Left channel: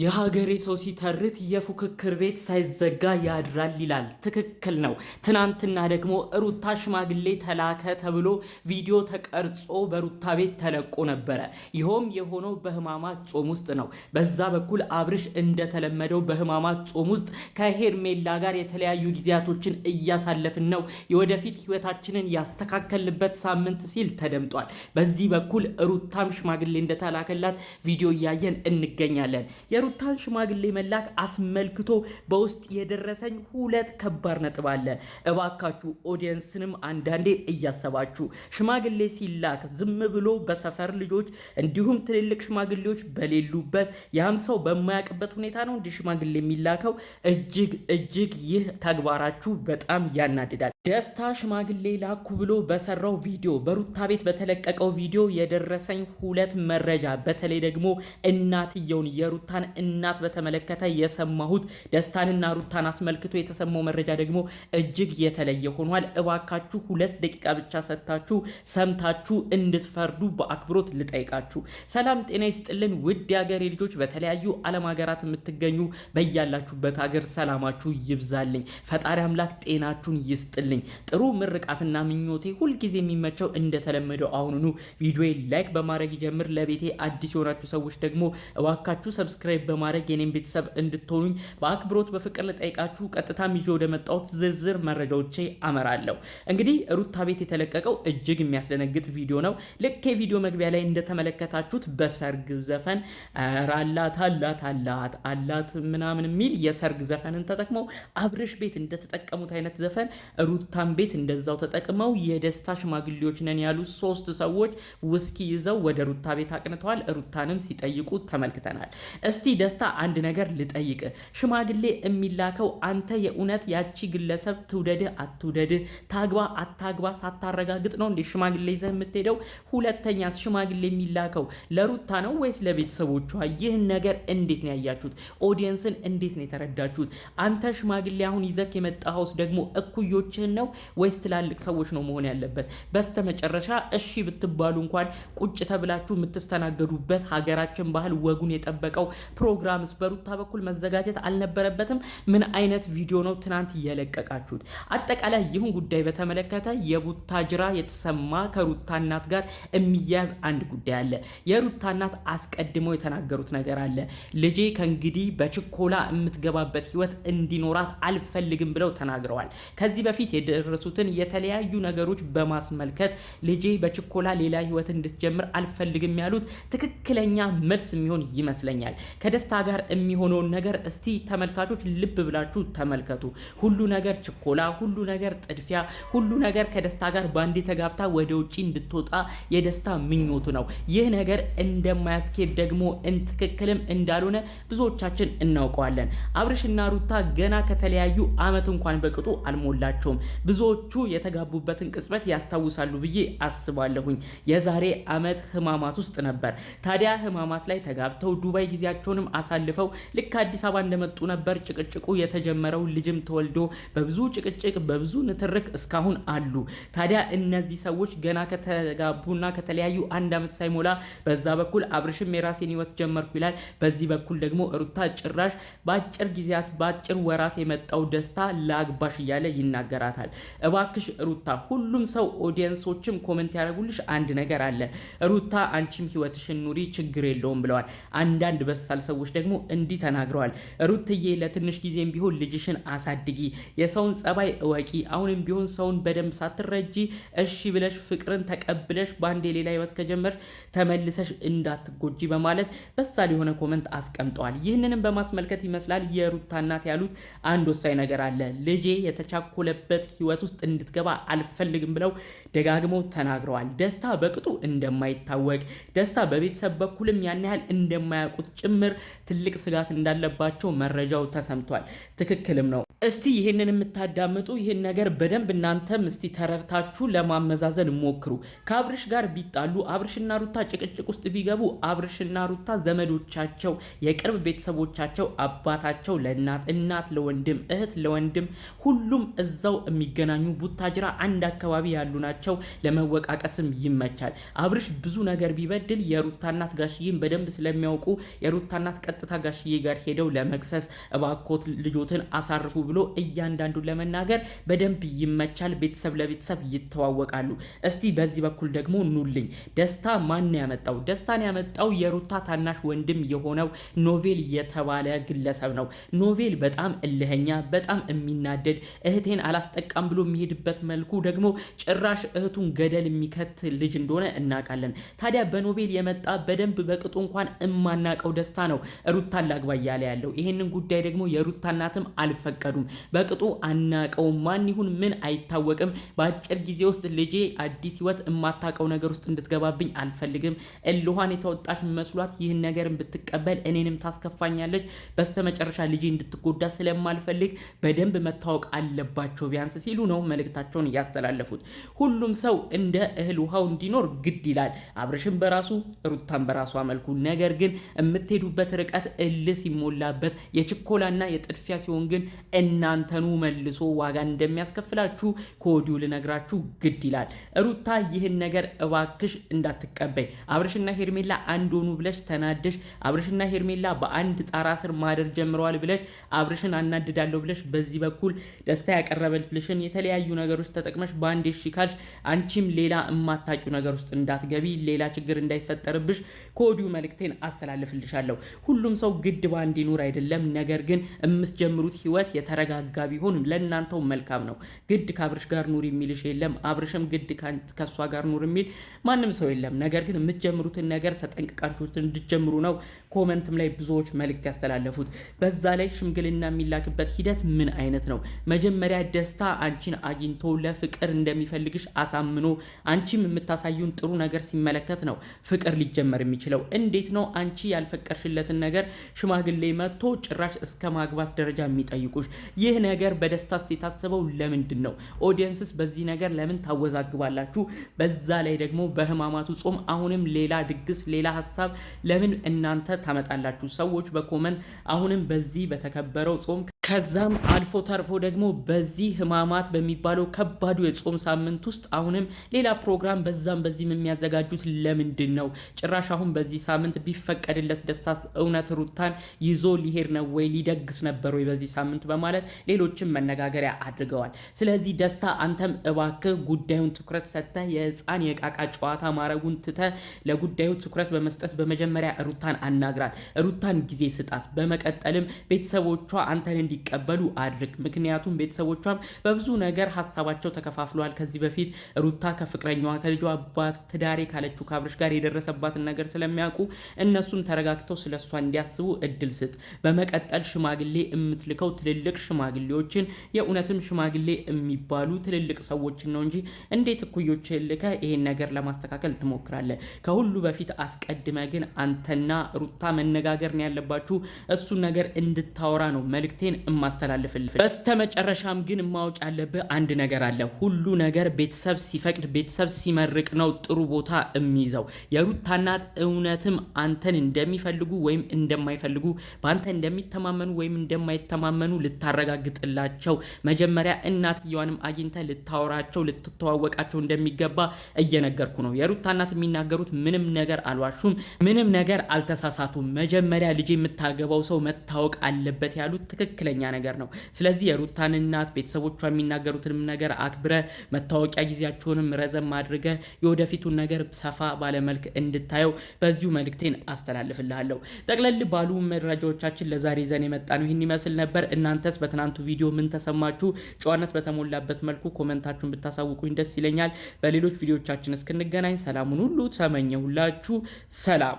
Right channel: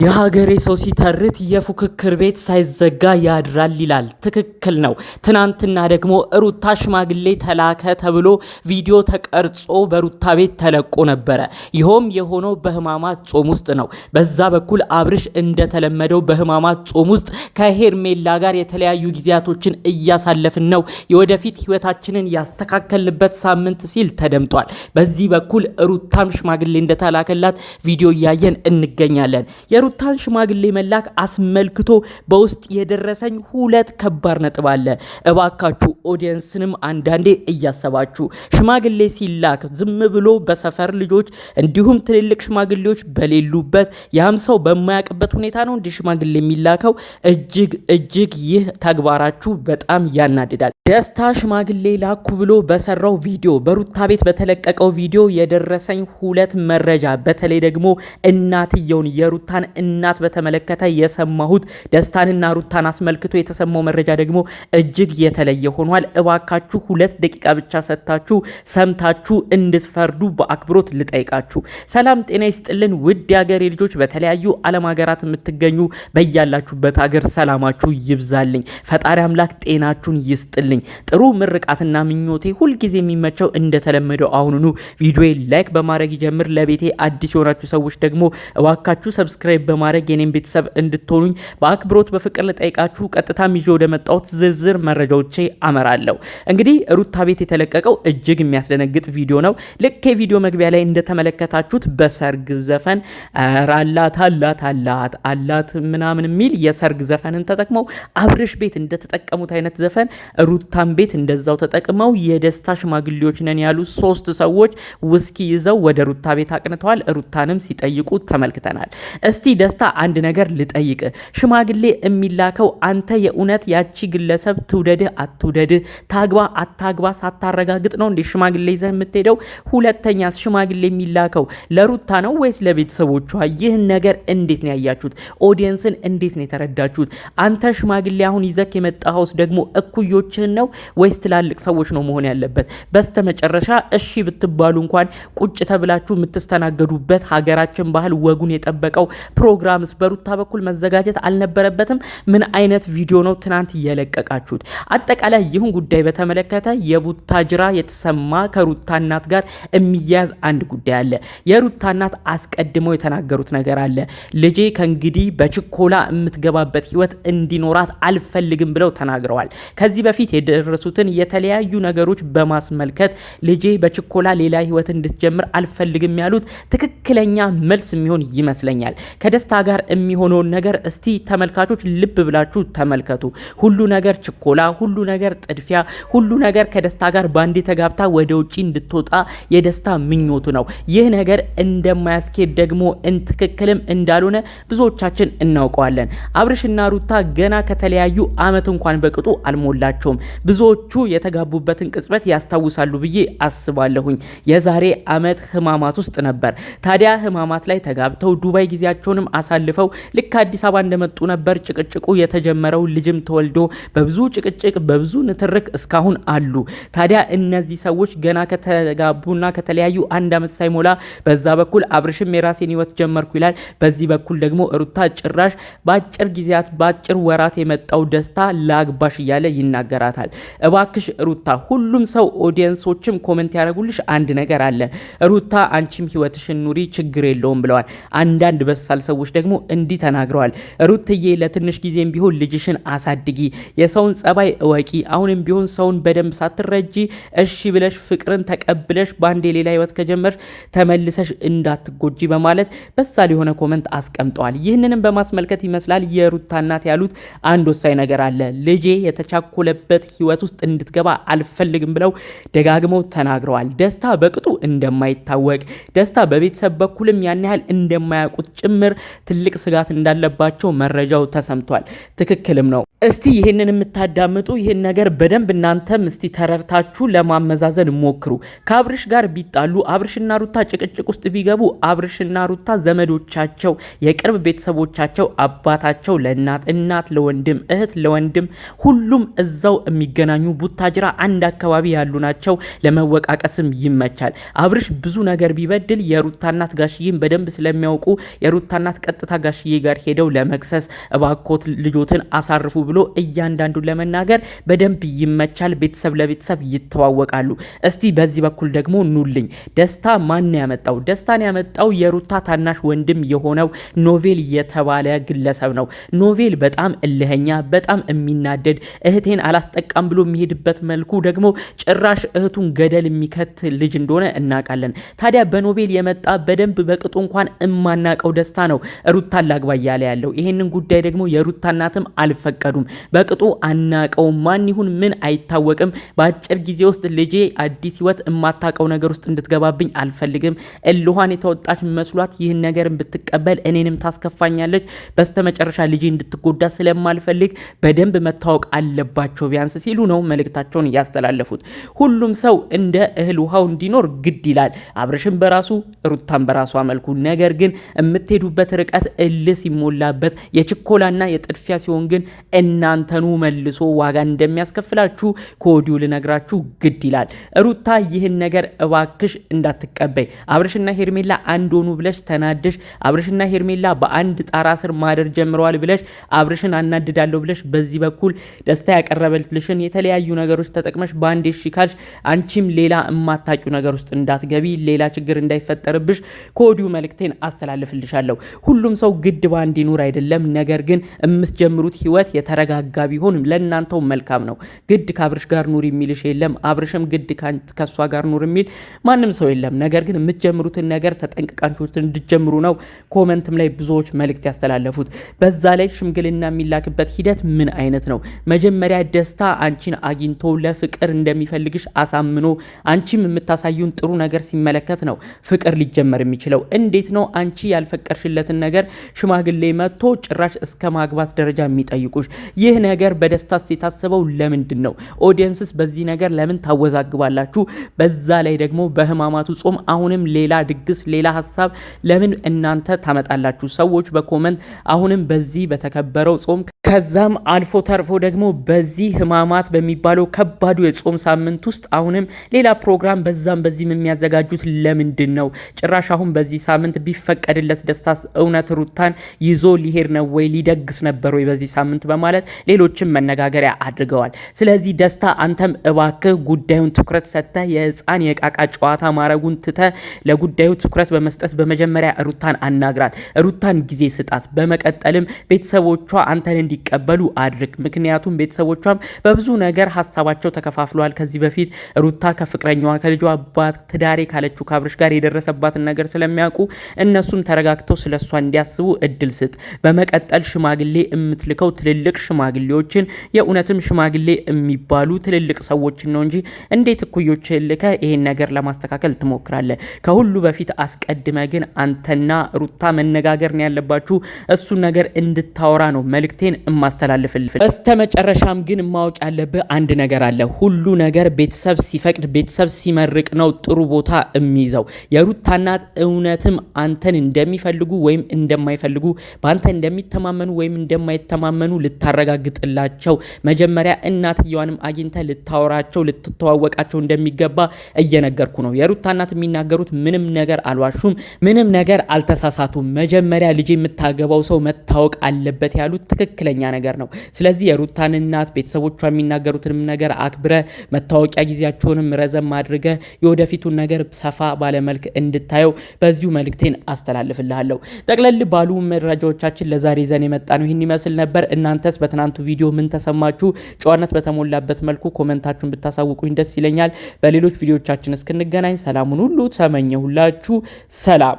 የሀገሬ ሰው ሲተርት የፉክክር ቤት ሳይዘጋ ያድራል ይላል። ትክክል ነው። ትናንትና ደግሞ ሩታ ሽማግሌ ተላከ ተብሎ ቪዲዮ ተቀርጾ በሩታ ቤት ተለቆ ነበረ። ይኸውም የሆነው በህማማት ጾም ውስጥ ነው። በዛ በኩል አብርሽ እንደተለመደው በህማማት ጾም ውስጥ ከሄርሜላ ጋር የተለያዩ ጊዜያቶችን እያሳለፍን ነው፣ የወደፊት ህይወታችንን ያስተካከልበት ሳምንት ሲል ተደምጧል። በዚህ በኩል ሩታም ሽማግሌ እንደተላከላት ቪዲዮ እያየን እንገኛለን። የሩታን ሽማግሌ መላክ አስመልክቶ በውስጥ የደረሰኝ ሁለት ከባድ ነጥብ አለ። እባካችሁ ኦዲየንስንም አንዳንዴ እያሰባችሁ ሽማግሌ ሲላክ ዝም ብሎ በሰፈር ልጆች እንዲሁም ትልልቅ ሽማግሌዎች በሌሉበት ያም ሰው በማያውቅበት ሁኔታ ነው እንዲህ ሽማግሌ የሚላከው። እጅግ ይህ ተግባራችሁ በጣም ያናድዳል። ደስታ ሽማግሌ ላኩ ብሎ በሰራው ቪዲዮ በሩታ ቤት በተለቀቀው ቪዲዮ የደረሰኝ ሁለት መረጃ፣ በተለይ ደግሞ እናትየውን የሩታን እናት በተመለከተ የሰማሁት ደስታንና ሩታን አስመልክቶ የተሰማው መረጃ ደግሞ እጅግ የተለየ ሆኗል። እባካችሁ 2 ደቂቃ ብቻ ሰጥታችሁ ሰምታችሁ እንድትፈርዱ በአክብሮት ልጠይቃችሁ። ሰላም ጤና ይስጥልን ውድ የሀገሬ ልጆች፣ በተለያዩ ዓለም ሀገራት የምትገኙ በያላችሁበት ሀገር ሰላማችሁ ይብዛልኝ። ፈጣሪ አምላክ ጤናችሁን ይስጥልኝ። ጥሩ ምርቃትና ምኞቴ ሁልጊዜ የሚመቸው እንደተለመደው አሁኑኑ ቪዲዮ ላይክ በማድረግ ይጀምር። ለቤቴ አዲስ የሆናችሁ ሰዎች ደግሞ እባካችሁ ሰብስክራይብ በማድረግ የኔን ቤተሰብ እንድትሆኑኝ በአክብሮት በፍቅር ልጠይቃችሁ። ቀጥታም ይዤ ወደ መጣሁት ዝርዝር መረጃዎቼ አመራለሁ። እንግዲህ ሩታ ቤት የተለቀቀው እጅግ የሚያስደነግጥ ቪዲዮ ነው። ልክ የቪዲዮ መግቢያ ላይ እንደተመለከታችሁት በሰርግ ዘፈን አላት ምናምን የሚል የሰርግ ዘፈንን ተጠቅመው አብርሽ ቤት እንደተጠቀሙት አይነት ዘፈን ሩታን ቤት እንደዛው ተጠቅመው የደስታ ሽማግሌዎች ነን ያሉ 3 ሰዎች ውስኪ ይዘው ወደ ሩታ ቤት አቅንተዋል። ሩታንም ሲጠይቁ ተመልክተናል። እስቲ ደስታ አንድ ነገር ልጠይቅ። ሽማግሌ የሚላከው አንተ የእውነት ያቺ ግለሰብ ትውደድህ አትውደድህ፣ ታግባ አታግባ ሳታረጋግጥ ነው እንዴ ሽማግሌ ይዘህ የምትሄደው? ሁለተኛ ሽማግሌ የሚላከው ለሩታ ነው ወይስ ለቤተሰቦቿ? ይህን ነገር እንዴት ነው ያያችሁት? ኦዲየንስን እንዴት ነው የተረዳችሁት? አንተ ሽማግሌ አሁን ይዘህ የመጣኸውስ ደግሞ እኩዮችህን ነው ወይስ ትላልቅ ሰዎች ነው መሆን ያለበት? በስተመጨረሻ እሺ ብትባሉ እንኳን ቁጭ ተብላችሁ የምትስተናገዱበት ሀገራችን ባህል ወጉን የጠበቀው ፕሮግራምስ በሩታ በኩል መዘጋጀት አልነበረበትም? ምን አይነት ቪዲዮ ነው ትናንት እየለቀቃችሁት? አጠቃላይ ይህን ጉዳይ በተመለከተ የቡታጅራ የተሰማ ከሩታ እናት ጋር የሚያያዝ አንድ ጉዳይ አለ። የሩታ እናት አስቀድመው የተናገሩት ነገር አለ። ልጄ ከእንግዲህ በችኮላ የምትገባበት ህይወት እንዲኖራት አልፈልግም ብለው ተናግረዋል። ከዚህ በፊት የደረሱትን የተለያዩ ነገሮች በማስመልከት ልጄ በችኮላ ሌላ ህይወት እንድትጀምር አልፈልግም ያሉት ትክክለኛ መልስ የሚሆን ይመስለኛል። ከደስታ ጋር የሚሆነውን ነገር እስቲ ተመልካቾች ልብ ብላችሁ ተመልከቱ። ሁሉ ነገር ችኮላ፣ ሁሉ ነገር ጥድፊያ፣ ሁሉ ነገር ከደስታ ጋር ባንዴ ተጋብታ ወደ ውጪ እንድትወጣ የደስታ ምኞቱ ነው። ይህ ነገር እንደማያስኬድ ደግሞ ትክክልም እንዳልሆነ ብዙዎቻችን እናውቀዋለን። አብርሽና ሩታ ገና ከተለያዩ አመት እንኳን በቅጡ አልሞላቸውም። ብዙዎቹ የተጋቡበትን ቅጽበት ያስታውሳሉ ብዬ አስባለሁኝ። የዛሬ አመት ህማማት ውስጥ ነበር። ታዲያ ህማማት ላይ ተጋብተው ዱባይ ጊዜያቸውንም አሳልፈው ልክ አዲስ አበባ እንደመጡ ነበር ጭቅጭቁ የተጀመረው። ልጅም ተወልዶ በብዙ ጭቅጭቅ በብዙ ንትርክ እስካሁን አሉ። ታዲያ እነዚህ ሰዎች ገና ከተጋቡና ከተለያዩ 1 አመት ሳይሞላ በዛ በኩል አብርሽም የራሴን ህይወት ጀመርኩ ይላል። በዚህ በኩል ደግሞ ሩታ ጭራሽ በአጭር ጊዜያት በአጭር ወራት የመጣው ደስታ ላግባሽ እያለ ይናገራታል። እባክሽ ሩታ፣ ሁሉም ሰው ኦዲየንሶችም ኮሜንት ያደርጉልሽ አንድ ነገር አለ። ሩታ አንቺም ህይወትሽን ኑሪ ችግር የለውም ብለዋል። አንዳንድ በሳል ሰዎች ደግሞ እንዲህ ተናግረዋል። ሩትዬ ለትንሽ ጊዜም ቢሆን ልጅሽን አሳድጊ፣ የሰውን ጸባይ እወቂ፣ አሁንም ቢሆን ሰውን በደንብ ሳትረጂ እሺ ብለሽ ፍቅርን ተቀብለሽ ባንዴ ሌላ ህይወት ከጀመርሽ ተመልሰሽ እንዳትጎጂ በማለት በሳል የሆነ ኮመንት አስቀምጠዋል። ይህንንም በማስመልከት ይመስላል የሩታ እናት ያሉት አንድ ወሳኝ ነገር አለ። ልጄ የተቻኮለበት ህይወት ውስጥ እንድትገባ አልፈልግም ብለው ደጋግመው ተናግረዋል። ደስታ በቅጡ እንደማይታወቅ፣ ደስታ በቤተሰብ በኩልም ያን ያህል እንደማያውቁት ጭምር ትልቅ ስጋት እንዳለባቸው መረጃው ተሰምቷል። ትክክልም ነው። እስቲ ይህንን የምታዳምጡ ይህን ነገር በደንብ እናንተም እስቲ ተረርታችሁ ለማመዛዘን ሞክሩ። ከአብርሽ ጋር ቢጣሉ፣ አብርሽና ሩታ ጭቅጭቅ ውስጥ ቢገቡ፣ አብርሽና ሩታ ዘመዶቻቸው፣ የቅርብ ቤተሰቦቻቸው፣ አባታቸው ለእናት፣ እናት ለወንድም፣ እህት ለወንድም፣ ሁሉም እዛው የሚገናኙ ቡታጅራ አንድ አካባቢ ያሉ ናቸው። ለመወቃቀስም ይመቻል። አብርሽ ብዙ ነገር ቢበድል የሩታ እናት ጋሽዬን በደንብ ስለሚያውቁ የሩታ እናት ቀጥታ ጋሽዬ ጋር ሄደው ለመክሰስ እባኮት ልጆትን አሳርፉ ብሎ እያንዳንዱን ለመናገር በደንብ ይመቻል። ቤተሰብ ለቤተሰብ ይተዋወቃሉ። እስቲ በዚህ በኩል ደግሞ ኑልኝ። ደስታ ማን ያመጣው? ደስታን ያመጣው የሩታ ታናሽ ወንድም የሆነው ኖቬል የተባለ ግለሰብ ነው። ኖቬል በጣም እልህኛ፣ በጣም የሚናደድ እህቴን አላስጠቃም ብሎ የሚሄድበት መልኩ ደግሞ ጭራሽ እህቱን ገደል የሚከት ልጅ እንደሆነ እናውቃለን። ታዲያ በኖቬል የመጣ በደንብ በቅጡ እንኳን እማናቀው ደስታ ነው ሩታን ላግባ እያለ ያለው። ይሄንን ጉዳይ ደግሞ የሩታ እናትም አልፈቀዱም። በቅጡ አናቀውም፣ ማን ይሁን ምን አይታወቅም። በአጭር ጊዜ ውስጥ ልጄ አዲስ ህይወት የማታቀው ነገር ውስጥ እንድትገባብኝ አልፈልግም። እልኋን የተወጣች መስሏት ይህን ነገር ብትቀበል እኔንም ታስከፋኛለች። በስተመጨረሻ ልጄ እንድትጎዳ ስለማልፈልግ በደንብ መታወቅ አለባቸው ቢያንስ ሲሉ ነው መልእክታቸውን ያስተላለፉት። ሁሉም ሰው እንደ እህል ውሃው እንዲኖር ግድ ይላል። አብርሽም በራሱ ሩታን በራሷ መልኩ። ነገር ግን የምትሄዱበት ርቀት እልህ ሲሞላበት የችኮላና የጥድፊያ ሲሆን ግን እናንተኑ መልሶ ዋጋ እንደሚያስከፍላችሁ ከወዲሁ ልነግራችሁ ግድ ይላል። ሩታ ይህን ነገር እባክሽ እንዳትቀበይ። አብርሽና ሄርሜላ አንድ ሆኑ ብለሽ ተናደሽ አብርሽና ሄርሜላ በአንድ ጣራ ስር ማደር ጀምረዋል ብለሽ አብርሽን አናድዳለሁ ብለሽ በዚህ በኩል ደስታ ያቀረበልሽን የተለያዩ ነገሮች ተጠቅመሽ በአንድ ሽካልሽ አንቺም ሌላ የማታውቂው ነገር ውስጥ እንዳትገቢ፣ ሌላ ችግር እንዳይፈጠርብሽ ከወዲሁ መልእክቴን አስተላልፍልሻለሁ። ሁሉም ሰው ግድ ባንድ ይኑር አይደለም። ነገር ግን የምትጀምሩት ህይወት የተረጋጋ ቢሆን ለእናንተው መልካም ነው። ግድ ከአብርሽ ጋር ኑር የሚልሽ የለም። አብርሽም ግድ ከሷ ጋር ኑር የሚል ማንም ሰው የለም። ነገር ግን የምትጀምሩትን ነገር ተጠንቅቃችሁ እንድትጀምሩ ነው ኮመንትም ላይ ብዙዎች መልእክት ያስተላለፉት። በዛ ላይ ሽምግልና የሚላክበት ሂደት ምን አይነት ነው? መጀመሪያ ደስታ አንቺን አግኝቶ ለፍቅር እንደሚፈልግሽ አሳምኖ አንቺም የምታሳዩን ጥሩ ነገር ሲመለከት ነው ፍቅር ሊጀመር የሚችለው። እንዴት ነው አንቺ ያልፈቀርሽለትን ነገር ሽማግሌ መጥቶ ጭራሽ እስከ ማግባት ደረጃ የሚጠይቁሽ? ይህ ነገር በደስታ የታሰበው ለምንድን ነው? ኦዲየንስስ በዚህ ነገር ለምን ታወዛግባላችሁ? በዛ ላይ ደግሞ በህማማቱ ጾም አሁንም ሌላ ድግስ፣ ሌላ ሀሳብ ለምን እናንተ ታመጣላችሁ? ሰዎች በኮመንት አሁንም በዚህ በተከበረው ጾም ከዛም አልፎ ተርፎ ደግሞ በዚህ ህማማት በሚባለው ከባዱ የጾም ሳምንት ውስጥ አሁንም ሌላ ፕሮግራም በዛም በዚህም የሚያዘጋጁት ለምንድን ነው? ጭራሽ አሁን በዚህ ሳምንት ቢፈቀድለት ደስታስ እውነት ሩታን ይዞ ሊሄድ ነው ወይ? ሊደግስ ነበር ወይ በዚህ ሳምንት? በማለት ሌሎችም መነጋገሪያ አድርገዋል። ስለዚህ ደስታ አንተም እባክህ ጉዳዩን ትኩረት ሰጥተህ የህፃን የቃቃ ጨዋታ ማረጉን ትተህ ለጉዳዩ ትኩረት በመስጠት በመጀመሪያ ሩታን አናግራት፣ ሩታን ጊዜ ስጣት። በመቀጠልም ቤተሰቦቿ አንተን እንዲቀበሉ አድርግ። ምክንያቱም ቤተሰቦቿም በብዙ ነገር ሀሳባቸው ተከፋፍለዋል። ከዚህ በፊት ሩታ ከፍቅረኛዋ ከልጇ አባት ትዳሬ ካለችው ከአብርሽ ጋር የደረሰባትን ነገር ስለሚያውቁ እነሱም ተረጋግተው ስለሷ እንዲያስቡ እድል ስጥ። በመቀጠል ሽማግሌ የምትልከው ትልልቅ ሽማግሌዎችን የእውነትም ሽማግሌ የሚባሉ ትልልቅ ሰዎችን ነው እንጂ እንዴት እኩዮች ልከ ይሄን ነገር ለማስተካከል ትሞክራለህ? ከሁሉ በፊት አስቀድመ ግን አንተና ሩታ መነጋገር ነው ያለባችሁ። እሱን ነገር እንድታወራ ነው መልእክቴን እማስተላልፍልህ። በስተመጨረሻም ግን ማወቅ ያለብህ አንድ ነገር አለ። ሁሉ ነገር ቤተሰብ ሲፈቅድ ቤተሰብ ሲመርቅ ነው ጥሩ ቦታ የሚይዘው። የሩታ እናት እውነትም አንተን እንደሚፈልጉ ወይም እንደማይፈልጉ፣ በአንተ እንደሚተማመኑ ወይም እንደማይተማመኑ ልታረጋግጥላቸው መጀመሪያ እናትየዋንም አግኝተ ልታወራቸው ልትተዋወቃቸው እንደሚገባ እየነገርኩ ነው። የሩታ እናት የሚናገሩት ምንም ነገር አልዋሹም፣ ምንም ነገር አልተሳሳቱም። መጀመሪያ ልጅ የምታገባው ሰው መታወቅ አለበት ያሉት ትክክለኛ ነገር ነው። ስለዚህ የሩታን እናት ቤተሰቦቿ የሚናገሩትንም ነገር አክብረ መታወቂያ ጊዜያቸውንም ረዘም አድርገ የወደፊቱን ነገር ሰፋ ባለመልክ እንድታየው በዚሁ መልእክቴን አስተላልፍልሃለሁ። ጠቅለል ባሉ መረጃዎቻችን ለዛሬ ዘን የመጣ ነው ይህን ይመስል ነበር። እናንተስ በትናንቱ ቪዲዮ ምን ተሰማችሁ? ጨዋነት በተሞላበት መልኩ ኮመንታችሁን ብታሳውቁኝ ደስ ይለኛል። በሌሎች ቪዲዮቻችን እስክንገናኝ ሰላሙን ሁሉ ተመኘሁላችሁ። ሰላም።